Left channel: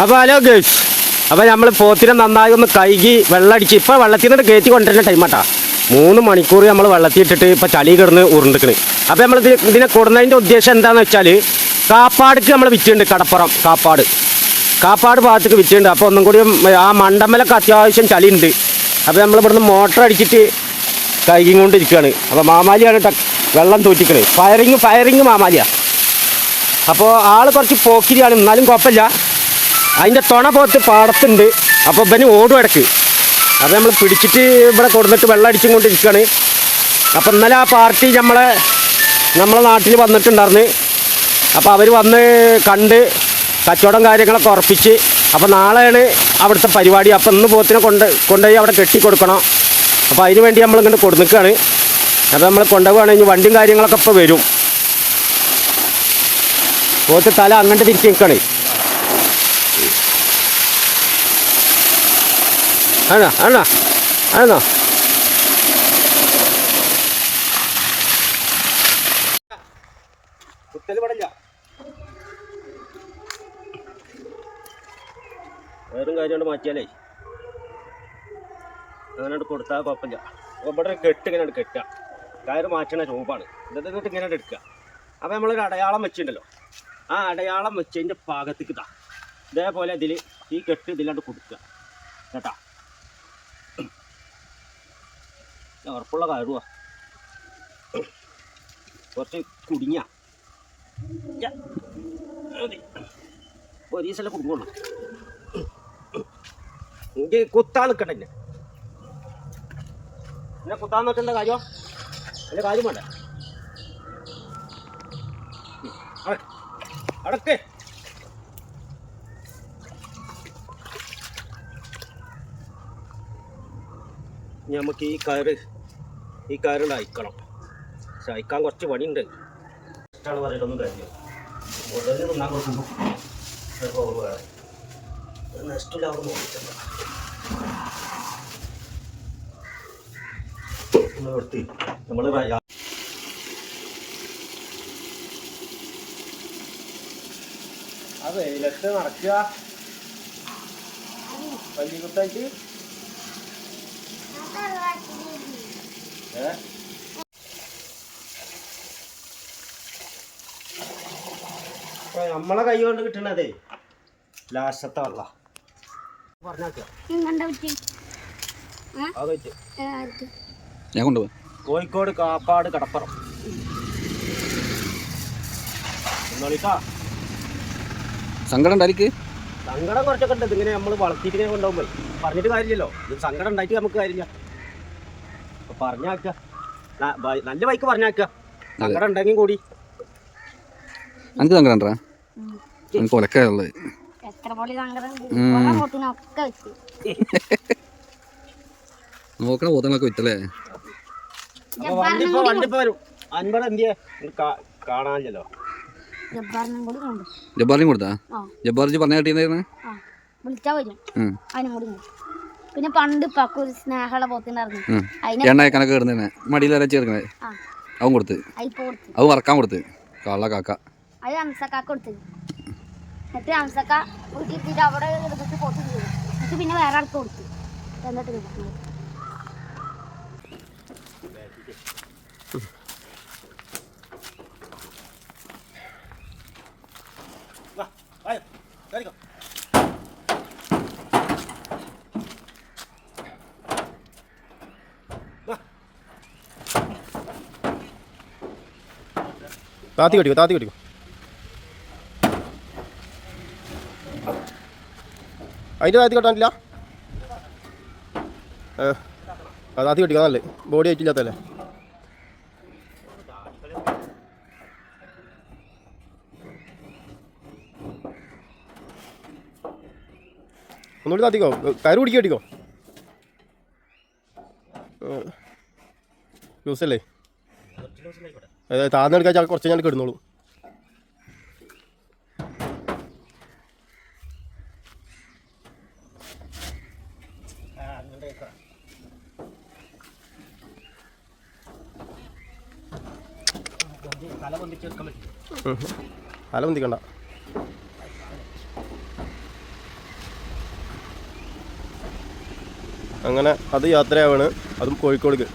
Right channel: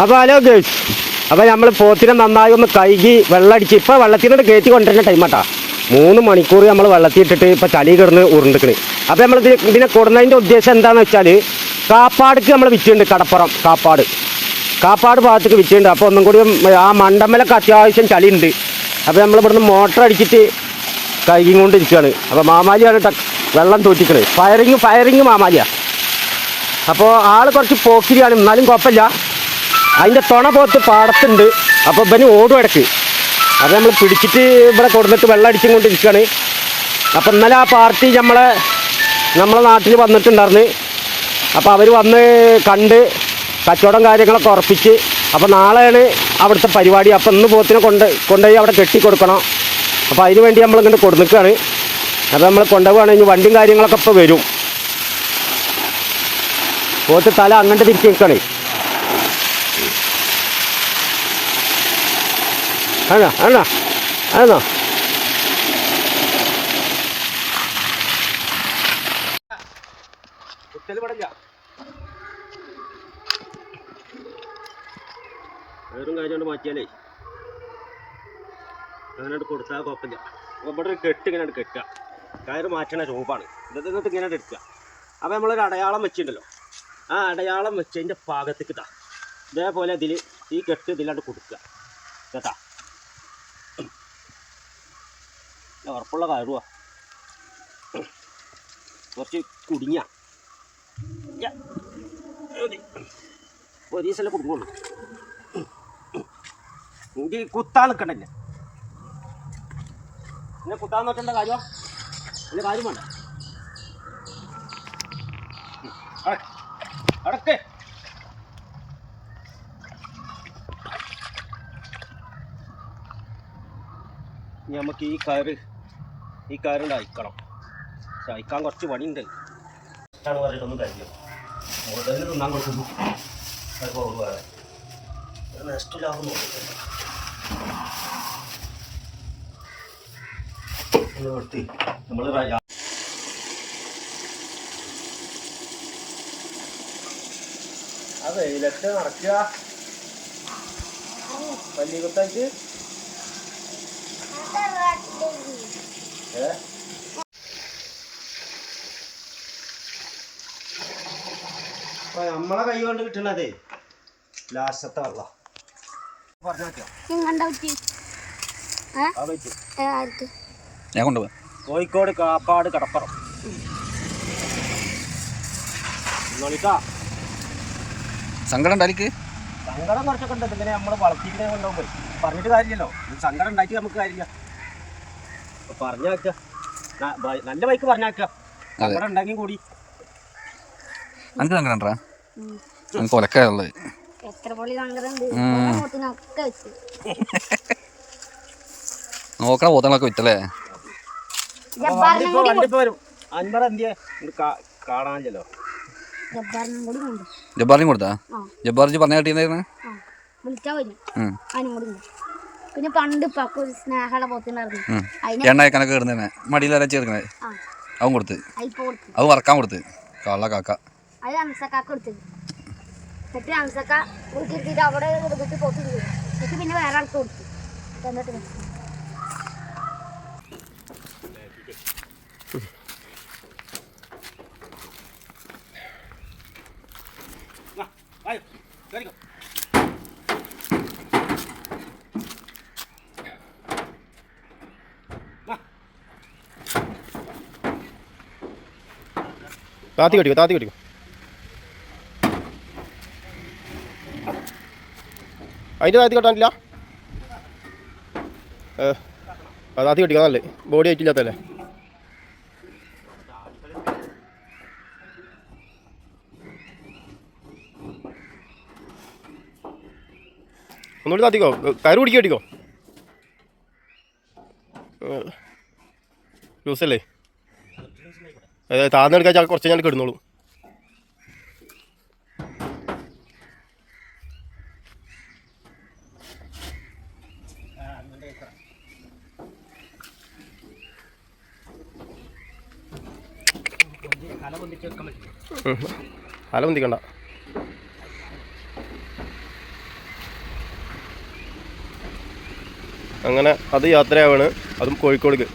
അപ്പോൾ hello girls, അപ്പോൾ നമ്മൾ പോത്തിനെ നന്നായി ഒന്ന് കഴുകി വെള്ളമടിച്ച് ഇപ്പോൾ വെള്ളത്തിൽ നിന്ന് കയറ്റി കൊണ്ടുവരുന്ന ടൈമാട്ടാ. 3 മണിക്കൂർ നമ്മൾ വെള്ളത്തിൽ ഇട്ടിട്ട് ഇപ്പോൾ ചളി കിടന്ന് ഉരുണ്ടിക്കണ്. അപ്പോൾ നമ്മൾ ഇതിനെ കൊടുന്നതിൻ്റെ ഉദ്ദേശം എന്താണെന്ന് വെച്ചാൽ കാപ്പാടിക്ക് നമ്മൾ വിറ്റുണ്ട്. കടപ്പുറം കാപ്പാട് ഭാഗത്തേക്ക് വിറ്റുണ്ട്. അപ്പോൾ ഒന്നും കൂടി ആ മണ്ടമ്മലൊക്കെ അത്യാവശ്യം ചളി ഉണ്ട്. അപ്പോൾ നമ്മൾ ഇവിടുന്ന് മോട്ടർ അടിച്ചിട്ട് കഴുകിക്കൊണ്ടിരിക്കുകയാണ്. അപ്പോൾ മാമാലിയാണ് വെള്ളം തോറ്റിക്കണത്. ഫയറിങ് മാമാലിയാണ്. അപ്പോൾ ആൾ കുറച്ച് പോക്കിരിയാണ്, എന്നാലും കുഴപ്പമില്ല. അതിൻ്റെ തുണ പോത്ത് പാടത്തുണ്ട്. അപ്പോൾ ഇവന് ഓടും ഇടയ്ക്ക്. അപ്പോൾ നമ്മൾ പിടിച്ചിട്ട് ഇവിടെ കൊടുന്നിട്ട് വെള്ളം അടിച്ചും കൊണ്ടിരിക്കുകയാണ്. അപ്പോൾ ഇന്നലെ ആ പാർട്ടി നമ്മളെ നാട്ടിൽ വന്നിട്ടുണ്ടായിരുന്നു. അപ്പോൾ അവർ വന്ന് കണ്ട് കച്ചവടം കാര്യങ്ങളൊക്കെ ഉറപ്പിച്ച്. അപ്പോൾ നാളെയാണ് അവിടുത്തെ പരിപാടി. അപ്പോൾ ഇന്ന് പോത്തിനെ കൊണ്ടുപോയി അവിടെ കെട്ടി കൊടുക്കണം. അപ്പോൾ അതിന് വേണ്ടി നമ്മളിങ്ങോട്ട് കൊടുന്നിക്കുകയാണ്. അപ്പോൾ നമ്മൾ കൊണ്ടുപോവുകയാണെങ്കിൽ വണ്ടിയും കാര്യങ്ങളൊക്കെ ഇപ്പോൾ വരും. പോത്ത് തല അങ്ങോട്ട് തിരിച്ച് നിൽക്കണേ. ആണോ വേറും കാര്യം കൊണ്ട് മാറ്റിയാലേ അങ്ങനെ കൊടുത്താൽ കുഴപ്പമില്ല. അപ്പോൾ ഇവിടെ കെട്ട് ഇങ്ങനെ കെട്ടുക, കയറ് മാറ്റണ രൂപമാണ്. എന്നിട്ട് ഇങ്ങനെ എടുക്കുക. അപ്പോൾ നമ്മളൊരു അടയാളം വെച്ചിട്ടുണ്ടല്ലോ, ആ അടയാളം വെച്ചതിൻ്റെ ഭാഗത്തേക്ക് ഇതാ ഇതേപോലെ ഈ കെട്ട് ഇതിലാണ്ട് കൊടുക്കുക കേട്ടാ. ഉറപ്പുള്ള കയറുക, കുറച്ച് കുടുങ്ങിയ മതി, പോലീസെല്ലാം കുടുങ്ങുള്ളൂ. എനിക്ക് കുത്താൻ നിൽക്കണ്ടല്ലേ, പിന്നെ കുത്താൻ നിൽക്കേണ്ട കാര്യം അല്ല, കാര്യം വേണ്ട. അടക്കേ നമുക്ക് ഈ കയറുണ്ട് അയക്കണം. പക്ഷെ അയക്കാൻ കുറച്ച് പണിയുണ്ട്. ഇഷ്ടമാണ് പറഞ്ഞിട്ടൊന്നും കഴിയും. മുതലിൽ തിന്നാൻ കൊടുക്കുന്നു. അതൊക്കെ ഓർവാണ് നെക്സ്റ്റിലാവും നോക്കിയിട്ടില്ല. നിർത്തി നമ്മൾ അത് വെയിലത്ത് നടക്കുക പല്ലിക്കൊത്തായിട്ട്. നമ്മളെ കൈ കൊണ്ട് കിട്ടണതേ ലാസ്റ്റത്തെ വെള്ളം ഞാൻ കൊണ്ടുപോകാം. കോഴിക്കോട് കാപ്പാട് കടപ്പുറം. സങ്കടം ഉണ്ടായിരിക്കും. സങ്കടം കുറച്ചൊക്കെ ഉണ്ട്. ഇതിങ്ങനെ നമ്മൾ വളർത്തിയിട്ട് കൊണ്ടുപോകുമ്പോൾ പറഞ്ഞിട്ട് കാര്യമില്ലല്ലോ. ഇത് സങ്കടം ഉണ്ടായിട്ട് നമുക്ക് കാര്യമില്ല. പറഞ്ഞാക്കുക, നല്ല ബൈക്ക് പറഞ്ഞാക്കുക. സങ്കടം ഉണ്ടെങ്കിൽ കൂടി എനിക്ക് സങ്കടം ഉണ്ടാ, എനിക്ക് ഒലക്കുള്ളത്. നോക്കണ പോത്തങ്ങളൊക്കെ വിറ്റല്ലേ. കാണാനില്ലല്ലോ. ജബ്ബാറിനും കൊടുത്താ? ജബ്ബാറിന് പറഞ്ഞ കിട്ടിയിരുന്നേ. പിന്നെ പണ്ട് എണ്ണയൊക്കെ കയറുന്നേ മടിയിൽ വരെ ചേർക്കണേ. അവൻ കൊടുത്ത്, അത് വറക്കാൻ കൊടുത്ത്. കള്ള കാക്ക എന്നിട്ട് അംസക്ക വീട്ടിലെത്തിയിട്ട് അവിടെ പോത്ത് എന്നിട്ട് പിന്നെ വേറെ ആൾക്ക് കൊടുത്തു. എന്നിട്ട് താത്തി കടിക്കോ. അതിൻ്റെ താത്തി കെട്ടാനില്ല. താത്തി കെട്ടിക്കാൻ നല്ലേ, ബോഡി ആയിട്ടില്ലാത്തല്ലേ. ഒന്നുകൂടി താത്തിക്കോ, കയറ് പിടിക്കുക കെട്ടിക്കോ. ലൂസല്ലേ, അതായത് താഴ്ന്നെടുക്കാൻ കുറച്ച് ഞാൻ കിടന്നോളൂ. തല പൊന്തിക്കണ്ട. അങ്ങനെ അത് യാത്രയാവാണ്, അതും കോഴിക്കോടേക്ക്.